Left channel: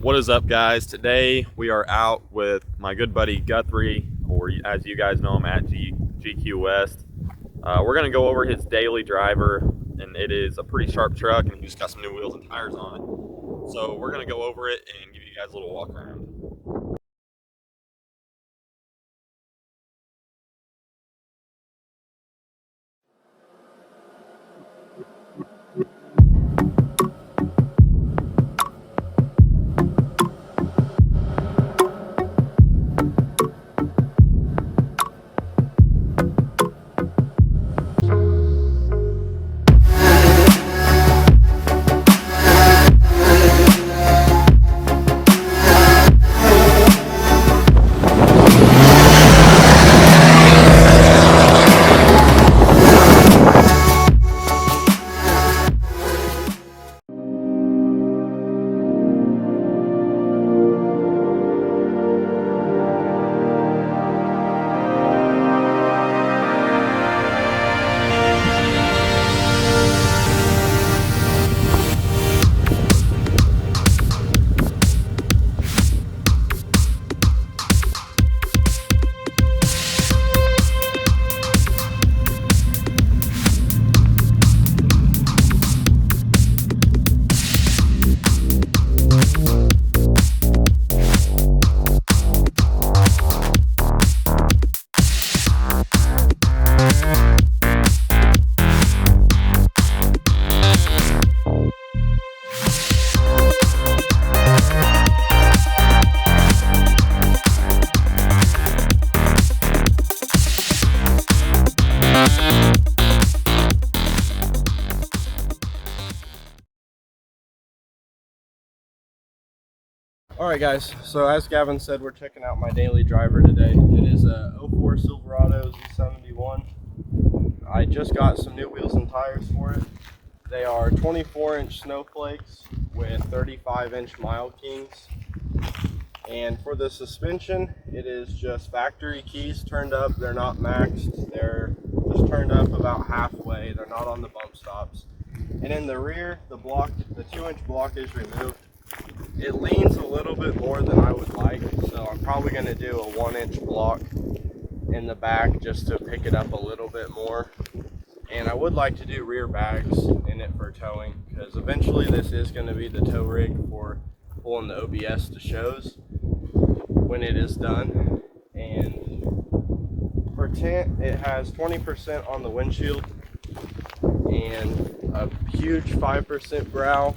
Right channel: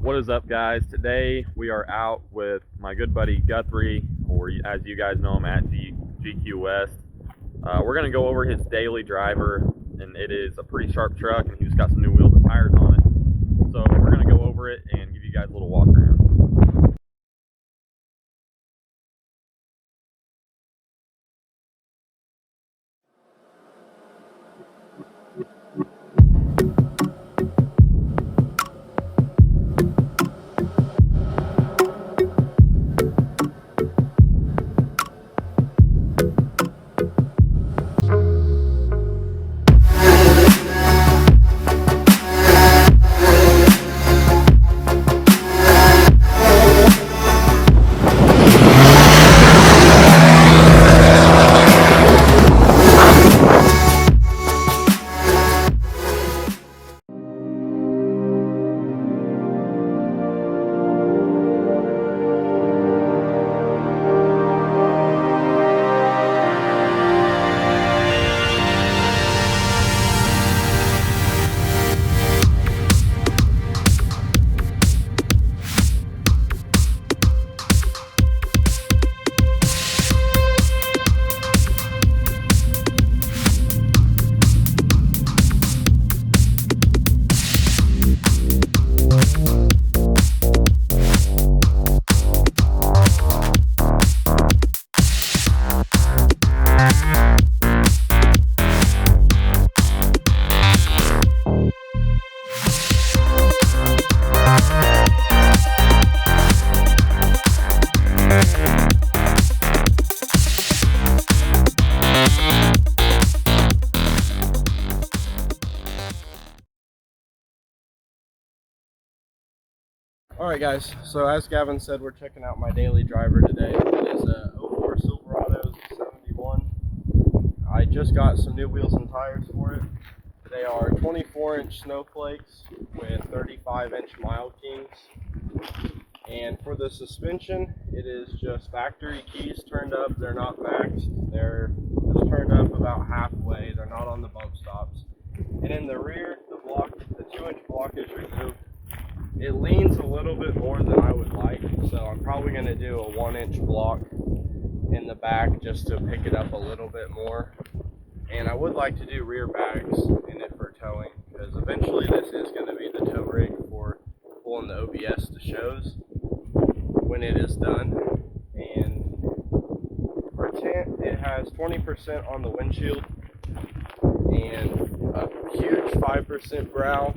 What is up, guys? Today we are out with my good buddy Guthrie, or as you guys know him, at GQ West. We're going to go over his daily driver, and it is a pretty sharp truck, and he just got some new wheels and tires on it. So we're going to go over it and give you guys a little walk around. Alright guys, so as Gavin said, we're checking out my daily driver today. It is a 04 Silverado 71. I just got some new wheels and tires for it. They are 24-inch snowflakes with 35-inch Mile Kings. And for the suspension, it is just factory keys turned up. They're not maxed. They're just turned up about halfway. They're not on the bump stops. And in the rear, the 2-inch block is removed. It leans a little bit more than I would like, so I'm probably going to do a 1-inch block in the back just to pick it up a little bit more. And I would like to do rear bags in it for towing, because eventually this is going to be the tow rig for pulling the OBS to shows when it is done. And for tint, it has 20% on the windshield and a huge 5% growl.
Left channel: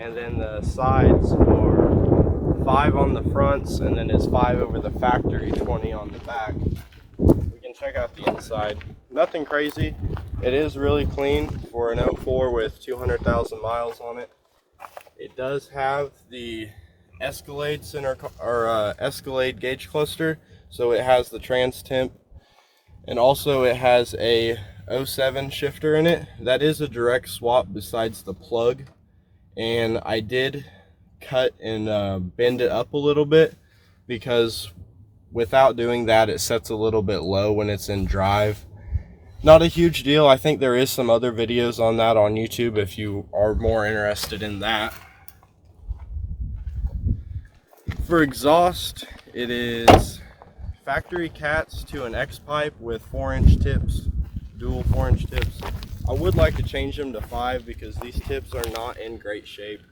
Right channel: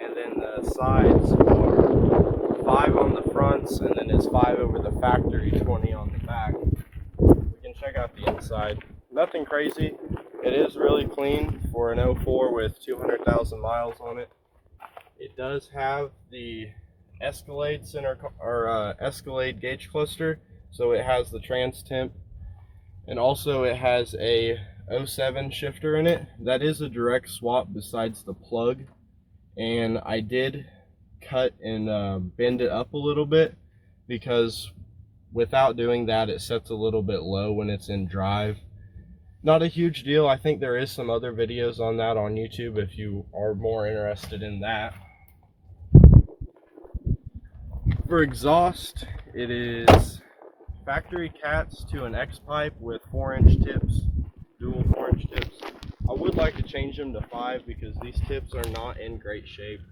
And then the sides are 5 on the fronts, and then it's 5 over the factory, 20 on the back. We can check out the inside. Nothing crazy. It is really clean for an 04 with 200,000 miles on it. It does have the Escalade Escalade gauge cluster, so it has the trans temp, and also it has a 07 shifter in it. That is a direct swap besides the plug. And I did cut and bend it up a little bit, because without doing that it sets a little bit low when it's in drive. Not a huge deal. I think there is some other videos on that on YouTube if you are more interested in that. For exhaust, it is factory cats to an X pipe with 4-inch tips, dual 4-inch tips. I would like to change them to 5 because these tips are not in great shape.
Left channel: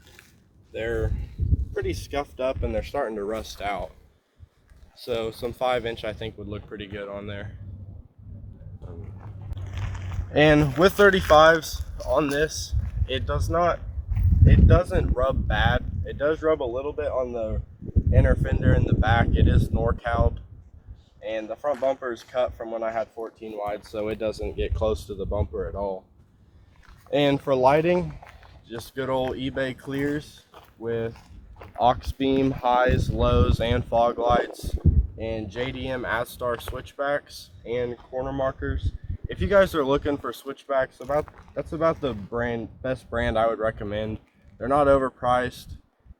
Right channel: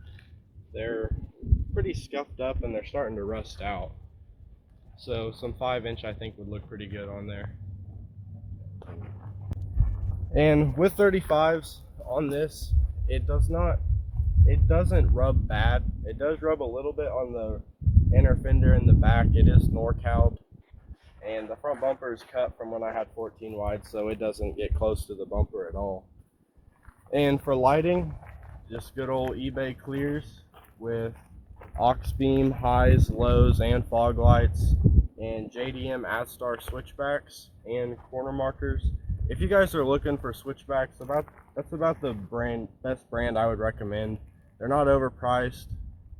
They're pretty scuffed up and they're starting to rust out. So some 5-inch I think would look pretty good on there. And with 35s on this, it doesn't rub bad. It does rub a little bit on the inner fender in the back. It is NorCal'd. And the front bumper is cut from when I had 14 wide, so it doesn't get close to the bumper at all. And for lighting, just good old eBay clears with aux beam highs, lows, and fog lights, and JDM Astar switchbacks and corner markers. If you guys are looking for switchbacks, that's about the best brand I would recommend. They're not overpriced,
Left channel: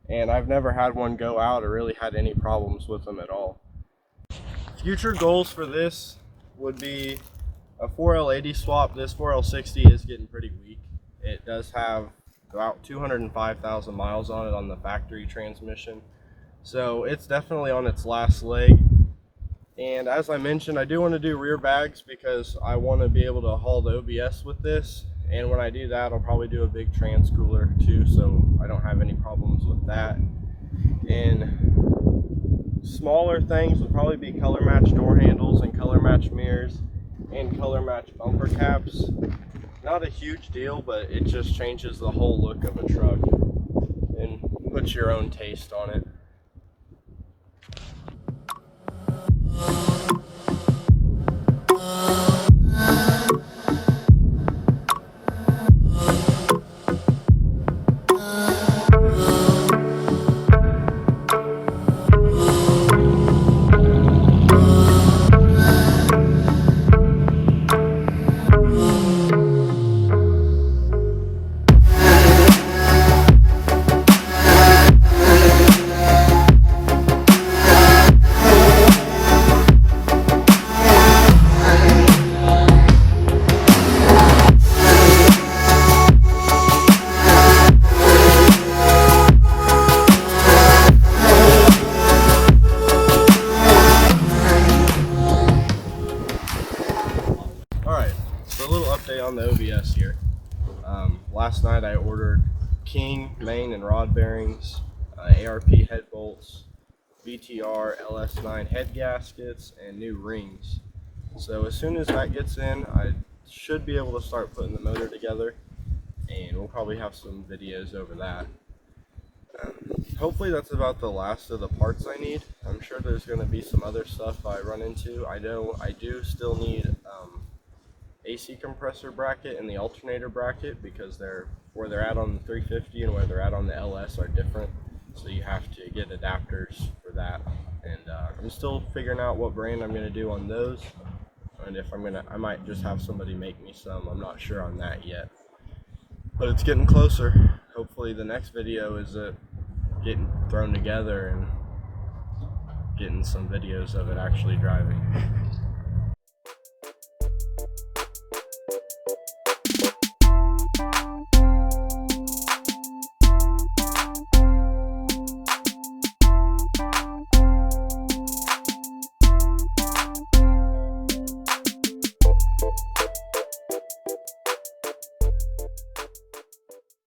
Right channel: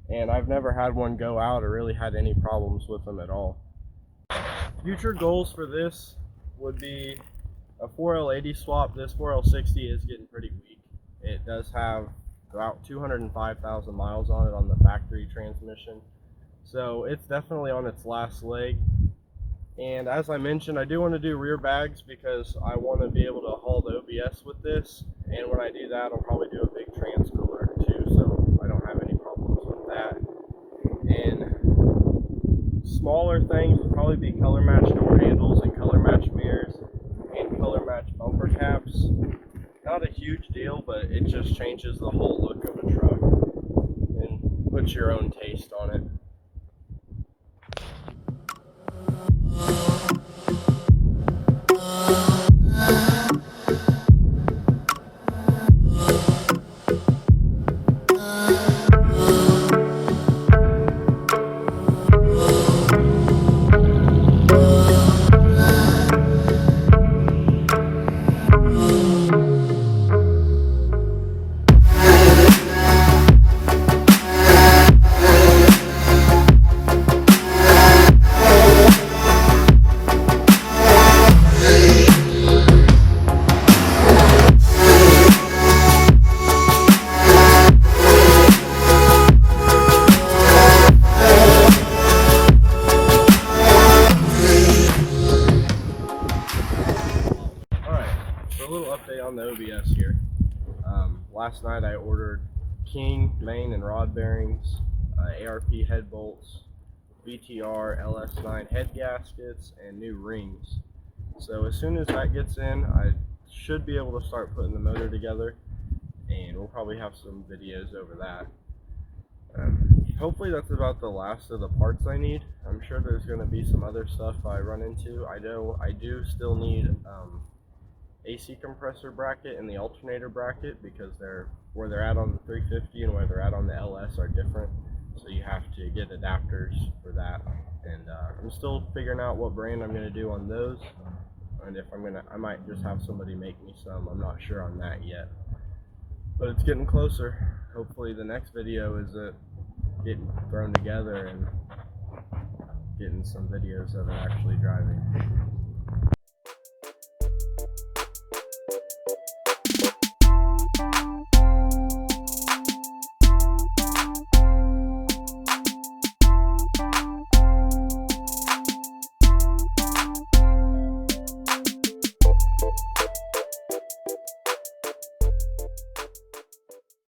and I've never had one go out or really had any problems with them at all. Future goals for this would be a 4L80 swap. This 4L60 is getting pretty weak. It does have about 205,000 miles on it on the factory transmission. So it's definitely on its last leg. And as I mentioned, I do want to do rear bags because I want to be able to haul the OBS with this. And when I do that, I'll probably do a big trans cooler too, so I don't have any problems with that. And smaller things would probably be color match door handles and color match mirrors and color match bumper caps. Not a huge deal, but it just changes the whole look of a truck and puts your own taste on it. Alright, so a little update on the OBS here. Last night I ordered King main and rod bearings, ARP head bolts, VTR LS9 head gaskets, and new rings. So as soon as that gets in, I should be able to start putting the motor together, and we'll probably have some videos over that. Hopefully that's about the last of the parts I need. I'm sure there's going to be some other stuff I run into. I do still need AC compressor bracket and the alternator bracket, because where they're at on the 350 and where they're at on the LS are different, so you have to get adapters for that. And I'm still figuring out what brand I'm going to do on those, and if I might just have somebody make me some. I'm not sure on that yet, but it's getting closer. Hopefully the next video is it getting thrown together and getting some videos of it actually driving.